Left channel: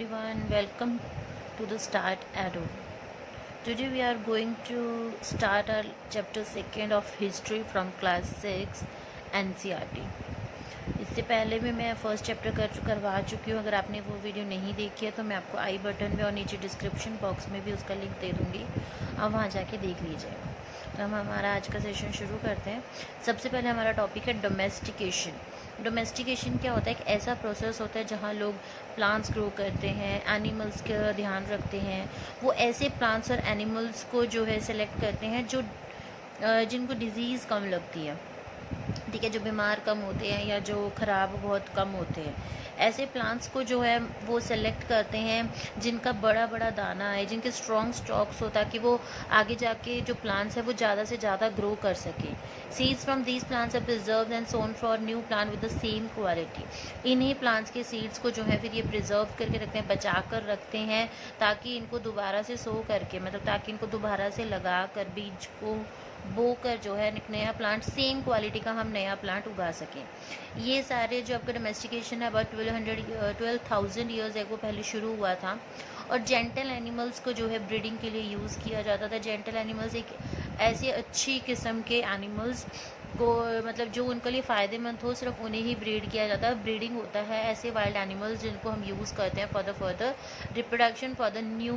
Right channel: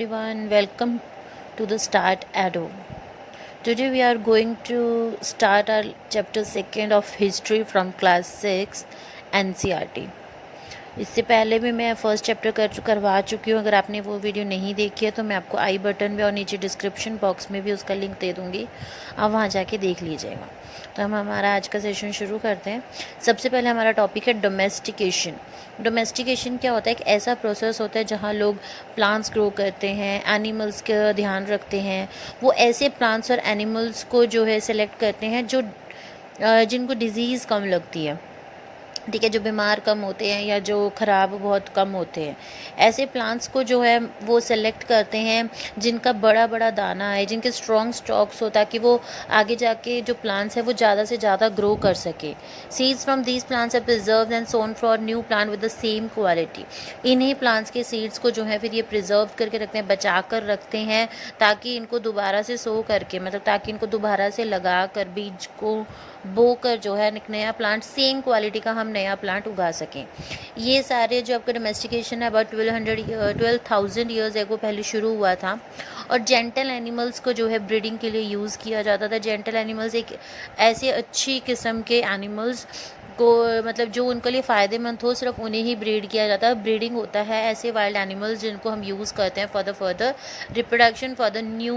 everyone, welcome to the Start Ado. Today we are going to start our chapter 2nd of history from class 6 NCERT. इससे पहले भी मैं first chapter करवा चुकी हूँ। अगर आपने वो वीडियो नहीं देखी है तो मैं आपको आई बटन में और नीचे डिस्क्रिप्शन बॉक्स में भी उसका लिंक दे दूँगी, आप वहाँ जाके देख लीजिएगा। तो हम हमारा आज का सेशन शुरू करते हैं। सबसे पहले हमारा टॉपिक है डोमेस्टिकेशन। डोमेस्टिकेशन क्या होता है? एक ऐसा प्रोसेस होता है जहाँ लोग प्लांट्स ग्रो करते हैं, एनिमल्स का ध्यान रखते हैं। वो ऐसे प्लांट्स और एनिमल्स को जो है सेलेक्ट करते हैं जो जिनको डिजीज़ कम लगती है, ठीक है, जो बीमार कम होते हैं या जो ख़राब बहुत कम होते हैं। ऐसे प्लांट्स को जो है वो सेलेक्ट करते हैं जिनका बड़ा बड़ा दाना है, जिनके स्ट्रॉन्ग स्टॉक्स हो, ताकि वो आगे जाके जो प्लांट्स है वो ज़्यादा से ज़्यादा ग्रो कर सके। Seeds from these plants are preserved and sown for new plant with the same quality. इन्हीं प्लांट्स के सीड्स को जो है फिर ये प्रिजर्व करके रखते हैं, बचा कर रखते हैं, ताकि इनको दोबारा से सो करके, मतलब ताकि इनको दोबारा से लगा कर बीज को बो कर जो है एक नया प्लांट, सेम क्वालिटी का हम नया प्लांट उगा सकें। ये सारे जो आपका डोमेस्टिकेशन है अबाउट 12,000 ईयर्स एगो पहले शुरू हुआ था। और जेंटल एनिमल्स को जो है ब्रीडिंग के लिए यूज़ किया जाता था। जेंटल एनिमल्स एक ऐसे अच्छी किस्म के एनिमल्स को, मतलब जो उनके लिए फ़ायदेमंद हो, सिर्फ उन्हें ही ब्रीड किया जाता है। ब्रीडिंग होता है ऐसे वाइल्ड एनिमल्स जिनको हम यूज़ करते हैं for the further reproduction for the new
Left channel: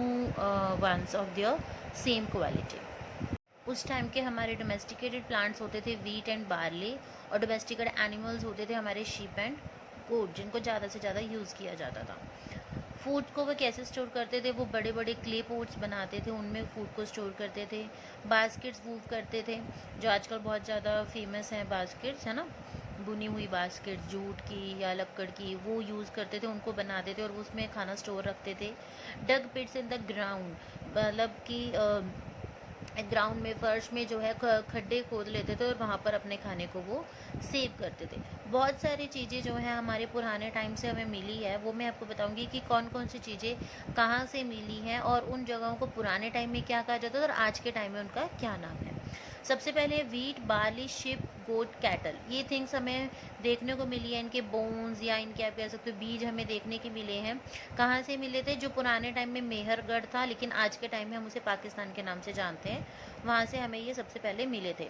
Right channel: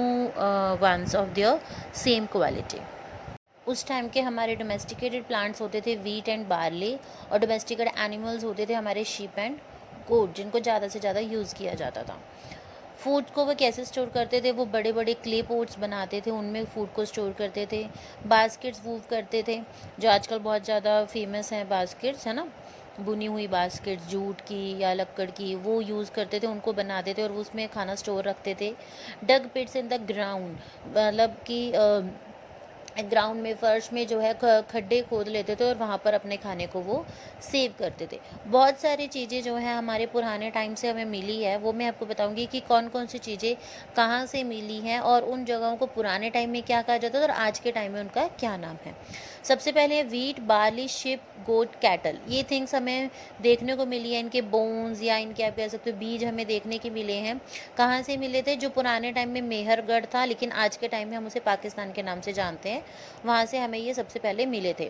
ones of their same quality. उस टाइम के हमारे डोमेस्टिकेटेड प्लांट्स होते थे वीट एंड बार्ली, और डोमेस्टिकेटेड एनिमल्स होते थे हमारे शीप एंड गोट, जिनको ज़्यादा से ज़्यादा यूज़ किया जाता था। फूड को वो कैसे स्टोर करते थे? वो बड़े बड़े क्ले पोट्स बनाते थे, उनमें फूड को स्टोर करते थे। बास्केट्स वूव करते थे, जो आजकल बहुत ज़्यादा फेमस हैं बास्केट्स, है ना, बुनी हुई बास्केट्स जूट की या लक्कड़ की, वो यूज़ करते थे, उनको बनाते थे और उसमें खाना स्टोर रखते थे। डग पिट्स इन द ग्राउंड, मतलब कि ग्राउंड में, फर्श में जो है खड्डे खोद लेते थे और वहाँ पर अपने खाने को वो सेव करते थे। बहुत सारी चीज़ें जो है हमारे पुराने टाइम से हमें मिली है, वो मैं आपको बताऊंगी कि कौन कौन सी चीज़ें कहाँ से मिली हैं और उन जगहों को पुराने टाइम में क्या कहा जाता था और आज के टाइम में उनका क्या नाम है। सबसे पहले वीट, बार्ली, शिप, गोट, कैटल, ये थिंग्स हमें देखने को मिली है। इनके बोन्स या इनके आप कह सकते हो बीज हमें देखने के मिले हैं। कहाँ से मिले थे? जो पुराने टाइम में मेहरगढ़ था, लेकिन आज के टाइम में हम उसे पाकिस्तान के नाम से जानते हैं, वहाँ से हमें ये सबसे पहले मिले थे।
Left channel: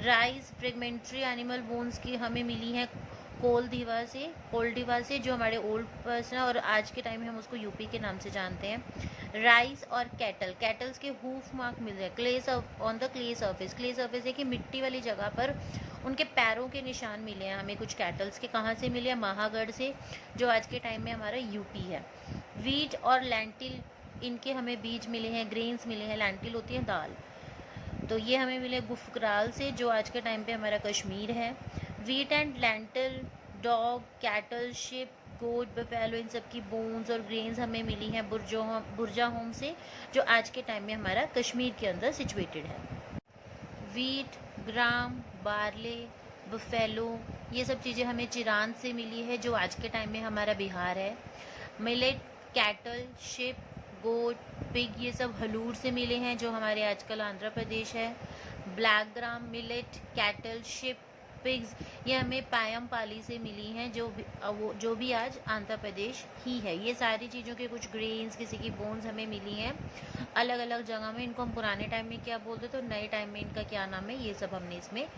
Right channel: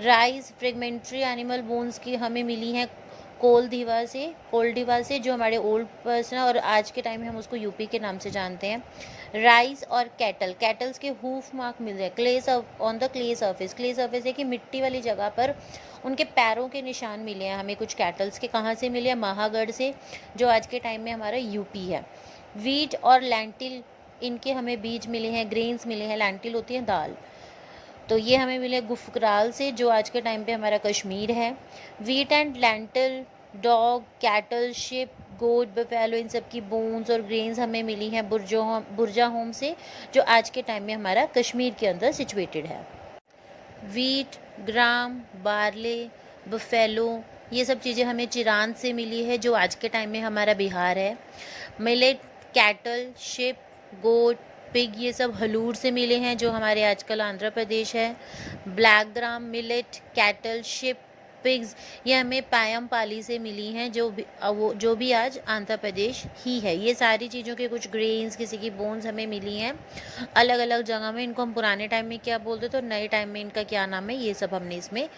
राइस, फ्रेगमेंट्री एनिमल बोन्स की हमें मिली हैं कोल्डिवा से, जो हमारे ओल्ड पर्सन है और आज के टाइम में हम उसको यूपी के नाम से जानते हैं। राइस और कैटल्स के हूफ मार्क मिल रहे ऑन द क्ले सर्फेस है कि मिट्टी वाली जगह पर उनके पैरों के निशान मिले हैं हमें कुछ कैटल्स के। कहाँ से मिले हैं? महागढ़ से, जो आज के टाइम में हमारा यूपी है। वीट और लैंटिल, इनके हमें बीज मिले हैं, ग्रेन्स मिले हैं। लैंटिल होती है दाल, तो ये हमें मिले गुफकराल से, जो आज के टाइम पे हमारा कश्मीर है। Wheat and lentil, dog, cattle, sheep, goat, buffalo, इन सब की बोन्स और ग्रेन्स हमें मिली हैं बुरजा होम से, जो आज के टाइम में हमारा कश्मीर के अंदर सिचुएटेड है। वीट, ग्राम, बार्ले, बफेलो, ये सब चीज़ें हमें चिरान से मिली है, जो आज के टाइम में हमारा बिहार है। मिलेट, कैटल, शिप, गोट, पिग, ये सब हलूर से मिले हैं, जो हमारे आजकल आंध्र प्रदेश है। Black gram, millet, cattle, ship, pigs, ये हमें पायमपाली से मिली हैं, जो भी आज आंध्र प्रदेश ही है। ये सारी चीज़ों के कुछ ग्रेन्स, किसी की बोन्स हमें मिली हैं अलग अलग जगह में। इनको हम पुराने टाइम में क्या बोलते थे और नए टाइम में इनका क्या नाम है, ये सब हमने इसमें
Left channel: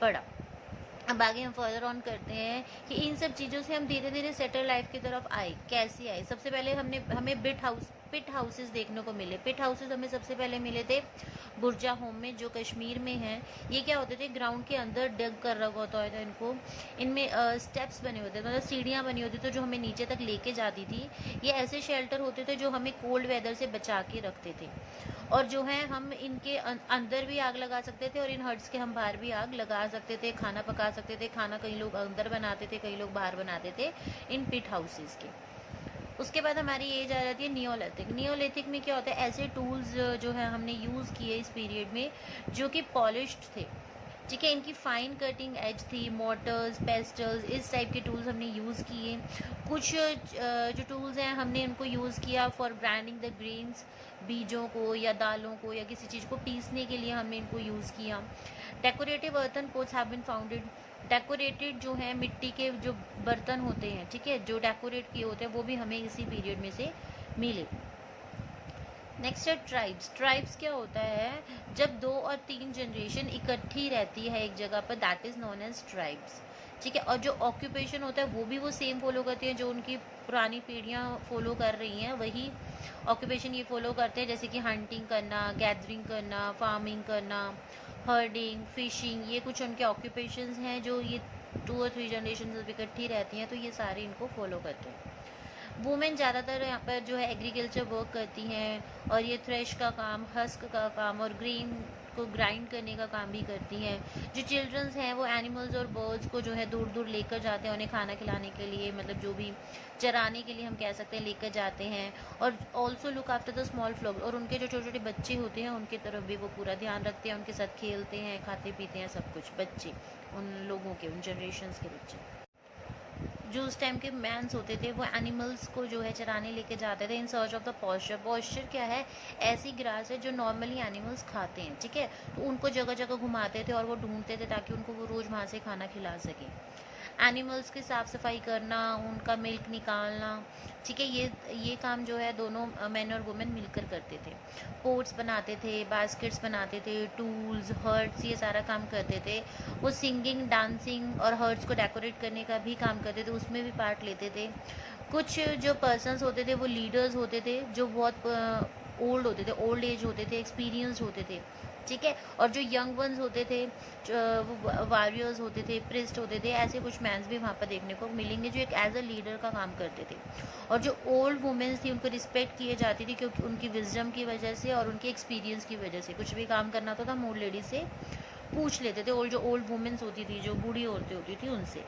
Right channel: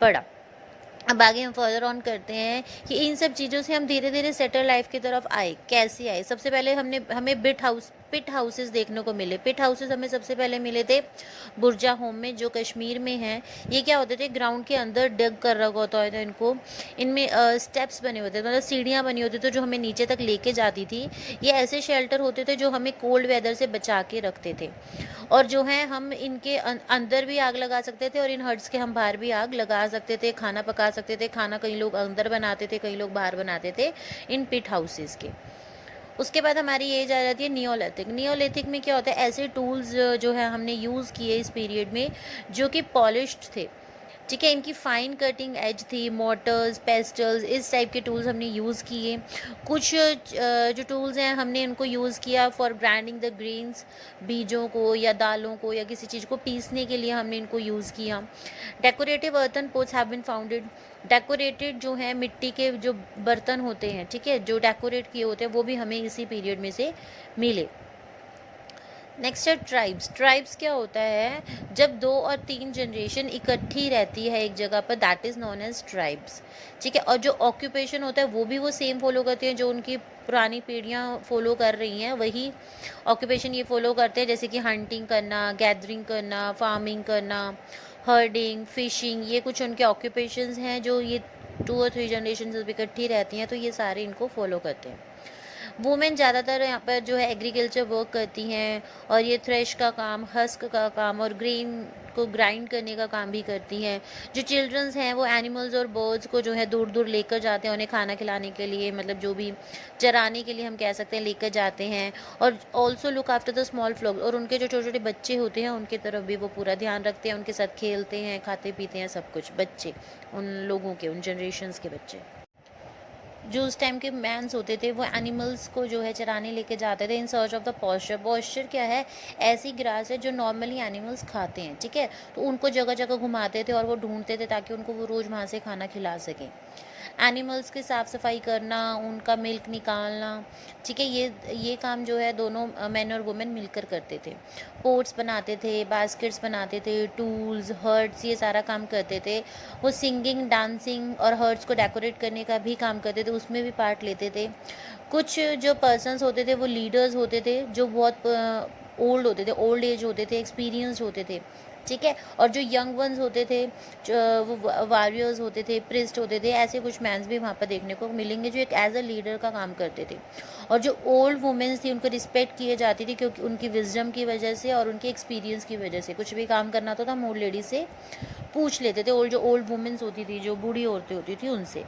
पढ़ा। अब आगे हम फर्दर ऑन करते हैं कि इन सब चीज़ों से हम धीरे धीरे सेटल लाइफ की तरफ आए। कैसे आए? सबसे पहले हमें पिट हाउसेस देखने को मिले। पिट हाउसेस हमें सबसे पहले मिले थे बुरजा होम में, जो कश्मीर में हैं। ये क्या होते थे? ग्राउंड के अंदर डग कर रखा होता था इनको। इनमें स्टेप्स बने होते थे, मतलब सीढ़ियाँ बनी होती थी जो हमें नीचे तक लेके जाती थी। ये ऐसे शेल्टर होते थे जो हमें कोल्ड वेदर से बचा के रखते थे, और जो है हम इनके अंदर भी आग लगा सकते थे और इन हट्स के हम बाहर भी आग लगा सकते थे, खाना पका सकते थे। खाना कई लोग अंदर बनाते थे, कई लोग बाहर बनाते थे इन पिट हाउसेस के। उसके बाद हमारी एज आ जाती है नियोलिथिक। नियोलिथिक में क्या होता है? ऐसे टूल्स जो है हमने यूज़ किए इस पीरियड में, जो कि पॉलिश्ड थे, ठीक है। इनकी फाइन कटिंग एज थी, मोटर्स, पेस्टल्स, इस टाइप के टूल्स हमने यूज़ किए। कुछ जो टूल्स हैं हमने इनको यूज़ किया फॉर ग्राइंडिंग द ग्रेन्स, बीजों को या दालों को या किसी चीज़ को पीसने के लिए हमने इनको यूज़ किया। Decorative earthen pots have been founded. Decorated जो है मिट्टी के जो बर्तन होते हैं, ठीक है, जो डेकोरेट किए होते हैं, वो भी हमें इसी पीरियड में से मिले। नेक्स्ट है ट्राइब्स। ट्राइब्स क्या होता है, जब 2 और 3 जनरेशन इकट्ठी रहती है एक जगह पर, that is known as tribes. ठीक है। और जो ऑक्यूपेशन होता है वो भी वो सेम फॉलो करती हैं, जो उनकी पुरानी पीढ़ियाँ फॉलो कर रही हैं वही ऑक्यूपेशन ये फॉलो करते हैं, जैसे कि हंटिंग करना, गैदरिंग करना, फार्मिंग करना, हर्डिंग, फिशिंग, ये कुछ उनके ऑक्यूपेशंस हैं जो ये 2 और 3 जनरेशन जब इकट्ठी रहती हैं तो ये सारे इनको फॉलो करते हैं। वुमेन ज़्यादातर यहाँ पर जो है एग्रीकल्चर वर्क करती हैं और ये थ्रेश का काम, हस्क का काम और ग्रेन को ग्राइंड करने का काम भी करती हैं। जो चिल्ड्रंस हैं वो एनिमल्स और बर्ड्स को जो है दूर दूर लेकर जाते हैं, उन्हें खाना खिलाने के लिए, मतलब जो भी चराने के लिए हम कह सकते हैं, लेकर जाते हैं। और also look after the small flock, और उनके जो छोटे छोटे बच्चे होते हैं उनकी तरफ भी वो पूरा ध्यान रखते हैं, उनके साथ खेलते हैं, खाते पीते हैं, सब कुछ। बच्चे, उन लोगों के, उन जनरेशन्स के बच्चे जो उस टाइम के मैंस होते थे वो एनिमल्स को जो है चराने लेके जाते थे in search of the pasture. Pasture क्या है, ऐसी ग्रास है जो नॉर्मली एनिमल्स खाते हैं, ठीक है, तो उनको जगह जगह घुमाते थे और वो ढूंढते थे ताकि उनको वो रोज़ वहाँ से खाना खिला सकें। एनिमल्स की साफ़ सफाई करना, उनका मिल्क निकालना, ठीक है, ये काम जो है दोनों मैन और वुमेन मिलकर करते थे। पोट्स बनाते थे, बास्केट्स बनाते थे, टूल्स, हर्ट्स, ये सारा काम करते थे। वो सिंगिंग, डांसिंग और हर्ट्स को डेकोरेट करने का भी काम करते थे, उसमें भी पार्ट लेते थे। कुछ जो पर्सन्स होते थे वो लीडर्स होते थे, जो बहुत ओल्ड होते थे, ओल्ड एज होते थे, एक्सपीरियंस्ड होते थे, ठीक है। और जो यंग वंस होते थे, वो वॉरियर्स होते थे, प्रिस्ट होते थे, ऐसे कुछ मैंस भी वहाँ पर देखने को मिलेंगे जो एक एज अ लीडर का काम करते थे। और जो ओल्ड वुमेन्स थी उनको रिस्पेक्ट किए जाती थी क्योंकि उनकी विजडम की वजह से और उनके एक्सपीरियंस की वजह से कुछ भी काम करना होता था हम ओल्ड लेडी से पूछ लेते थे, और जो ओल्ड वुमेन्स होती थी, जो बूढ़ी औरतें होती थी, उनसे।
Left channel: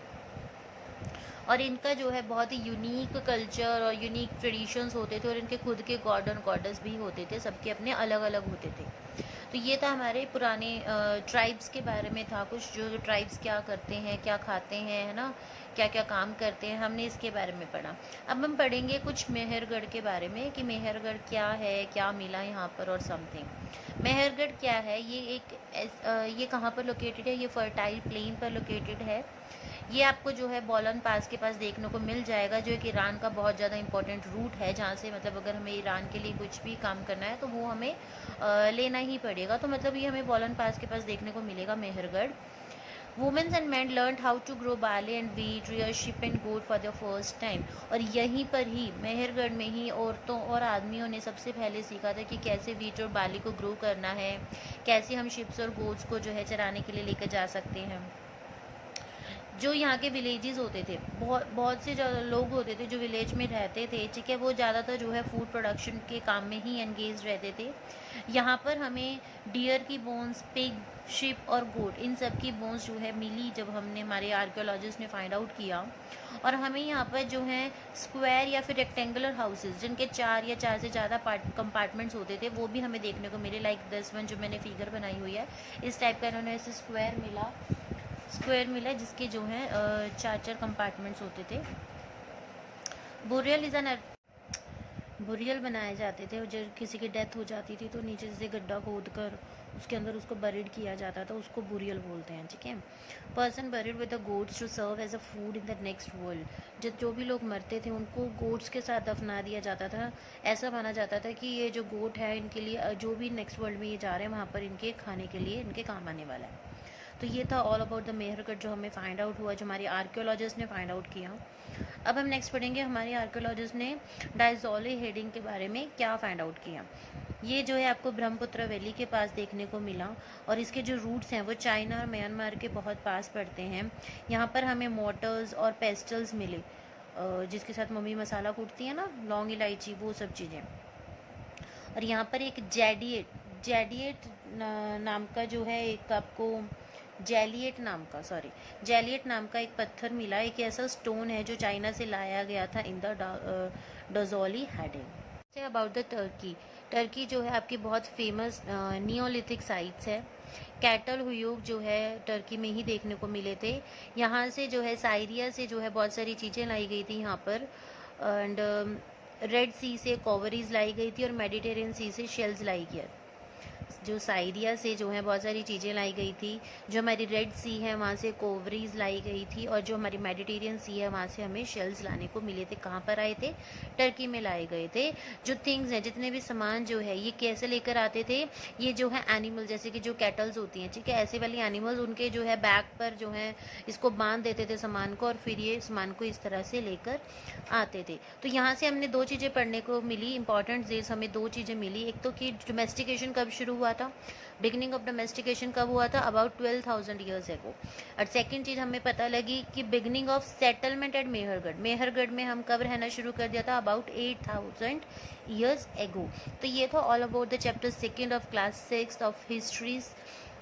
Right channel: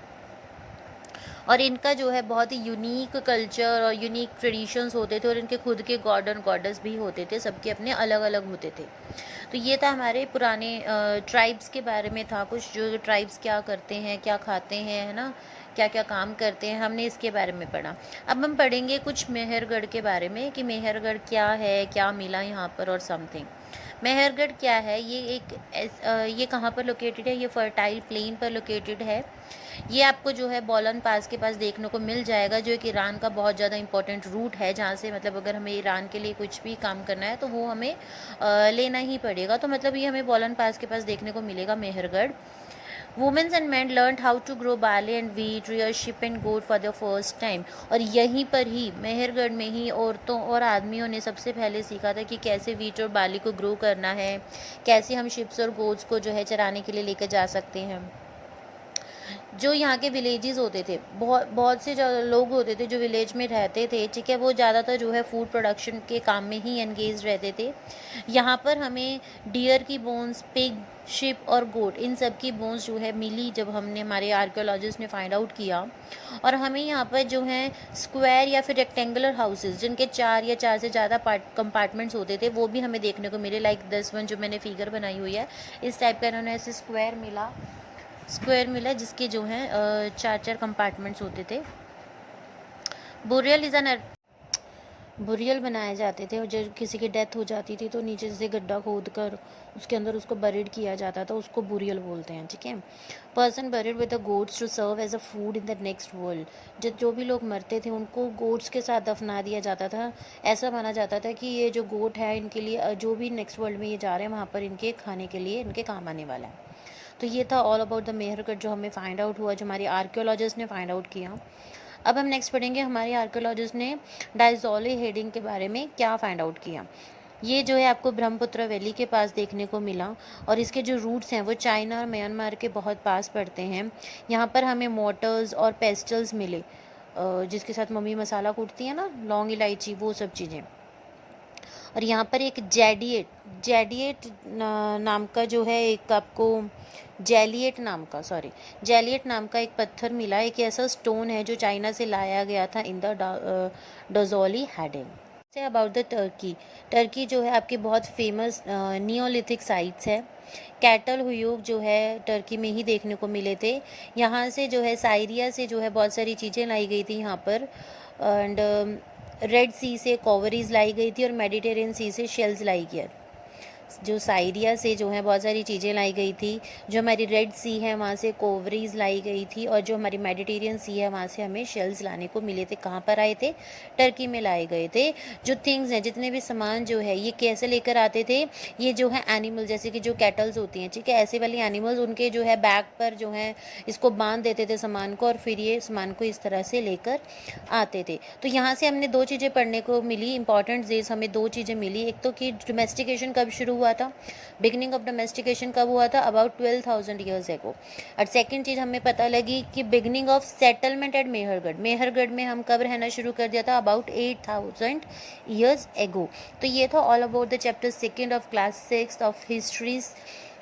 और इनका जो है बहुत ही यूनिक कल्चर और यूनिक ट्रेडिशंस होते थे, और इनके खुद के गॉड एंड गॉडेस भी होते थे, सबके अपने अलग अलग होते थे। तो ये था हमारे पुराने ट्राइब्स के बारे में था कुछ, जो ट्राइब्स क्या करते हैं, क्या खाते हैं, है ना, क्या क्या काम करते हैं, हमने इसके बारे में पढ़ा। अब हम पढ़ेंगे कुछ मेहरगढ़ के बारे में कि मेहरगढ़ क्या है, क्या मिला यहाँ पर और समथिंग। मेहरगढ़ क्या है, ये कहाँ पर लोकेटेड है, ये फर्टाइल प्लेन पर लोकेटेड है। ये आपको जो है बोलन पास के पास देखने को मिल जाएगा, जो एक ईरान का बहुत ज़्यादा इंपॉर्टेंट रूट है, जहाँ से मतलब अगर हमें ईरान के लिए कुछ भी काम करना है तो वो हमें लेना ही पड़ेगा। तो मतलब ये हमें बोलन पास के पास देखने को मिलेगा Mehrgarh. Women's and man learn how to grow barley and wheat, rear sheep and goat for the first time. और यहीं पर ही मेहरगढ़ में ही औरतों और आदमियों ने सबसे पहले सीखा था कि कैसे वीट और बार्ली को ग्रो करना है, कैसे हम शिप्स और गोट्स को जो है चराने के लिए लेकर जा सकते हैं। जो यहाँ के विलेजेस होते थे, बहुत बहुत से जो लोग होते थे जो विलेज में रहते थे, ठीक है, वो ज़्यादातर जो है फूड प्रोडक्शन के काम में ही एंगेज रहते थे। यहाँ पर हमें डियर की बोन्स, पिग, शिप और गोट, इन सब की बोन्स जो है मिली जब हमने, हमारे आर्कियोलॉजिस्ट ने फाइंड आउट किया। और हमें यहाँ पर जो है स्क्वायर या फिर रेक्टेंगुलर हाउसेस जिनके 4 या 4 से ज़्यादा कंपार्टमेंट्स होते थे वो भी हमें देखने को मिले, लाइक दिस वन जो मैंने फिगर बनाई हुई है, इस टाइप का इन्होंने ऐसे स्क्वायर मिला जिसके जो हैं 4 कंपार्टमेंट्स होते थे। बुरियल इज़ एन बुरियल बनाए जाते थे, और जब किसी की डेथ हो जाती थी तो नीचे से गड्ढा खोद कर उसके अंदर उसको बरीड किया जाता था, उसको बुरियल बोलते हैं, ठीक है। Person buried with the goats to serve as a food in the next world. जो भी लोग मरते थे उनको गोट्स के साथ दफना दिया जाता था। ऐसा माना जाता था कि ये जो गोट है इनके लिए, जो भी नेक्स्ट वर्ल्ड में ये जा रहे हैं वहाँ पर इनके खाने के लिए इनके काम आने वाला है। तो ये था ऑल अबाउट द मेहरगढ़ जो हमें फाइंड आउट हुआ, जो हमारे आर्कियोलॉजिस्ट ने फाइंड आउट किया। अब हम नेक्स्ट पढ़ेंगे हमारे आर्कियोलॉजिस्ट ने डायज़ोली हेडिंग के बारे में क्या फाइंड आउट किया। ये जो है आपको ब्रह्मपुत्र वैली के पास देखने को मिला, और इसके जो रूट्स हैं वो चाइना और म्यांमार के बहुत पास पड़ते हैं। यहाँ पर हमें मोटर्स और पेस्टल्स मिले, जिसके साथ मम्मी मसाला कूटती है ना, लौंग इलायची, वो सब चीज़ें। और यहाँ पर एक जेडिएट नाम का जो है, एक आपको जैलिएट नाम का एक पत्थर मिला, एक ऐसा स्टोन है जो चाइना से लाया गया था इन द डोजोली हेडिंग। से अबाउट द टर्की जो है आपकी बहुत फेमस नियोलिथिक साइट्स है। कैटल हुयूग जो है टर्की में ही देखने को मिले थे। यहाँ से जो है साइरिया से जो है बहुत सारी चीज़ें लाई गई थी यहाँ पर, एंड रेड सी से कॉवरीज लाई गई थी और मेडिटेरियन सी से शेल्स लाई गया। जो साइरिया से जो है बहुत सारी चीज़ें लाई गई थी, जो हमारी रेड सी है वहाँ से कोवरीज लाई गई थी, और जो हमारी मेडिटेरियन सी है वहाँ से हमें शेल्स लाने को मिले थे। कहाँ पर आए थे? टर्की में लाए गए थे। जो थिंग्स हैं, जितने भी सामान जो है, ये कैसे लेकर आते थे? ये जो है एनिमल, जैसे कि जो कैटल्स होती हैं, ठीक है, ऐसे वाली एनिमल्स उनके जो है बैक पर जो है इसको बांध देते थे सामान को, और फिर ये सामान को इस तरह से लेकर आते थे। तो यहाँ से हमने दो चीज़ें पढ़ने को मिली, इंपॉर्टेंट डेज हमें दो चीज़ें मिली। एक तो कि डोमेस्टिकेशन कब शुरू हुआ था, बिगनिंग ऑफ डोमेस्टिकेशन कब हुआ था, अबाउट 12,000 ईयर्स एगो। और सेकंड चीज़ हमें पता लगी कि beginning of settlement at Mehrgarh, Mehrgarh में हम कब रहना शुरू कर दिया था, अबाउट 8,000 ईयर्स एगो। तो ये था all about the chapter second of class 6 of histories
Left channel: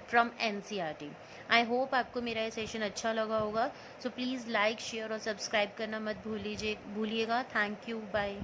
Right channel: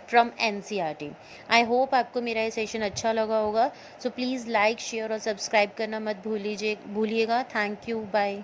from NCERT। I hope आपको मेरा ये सेशन अच्छा लगा होगा। सो प्लीज़ लाइक, शेयर और सब्सक्राइब करना मत भूलिएगा। Thank you, bye.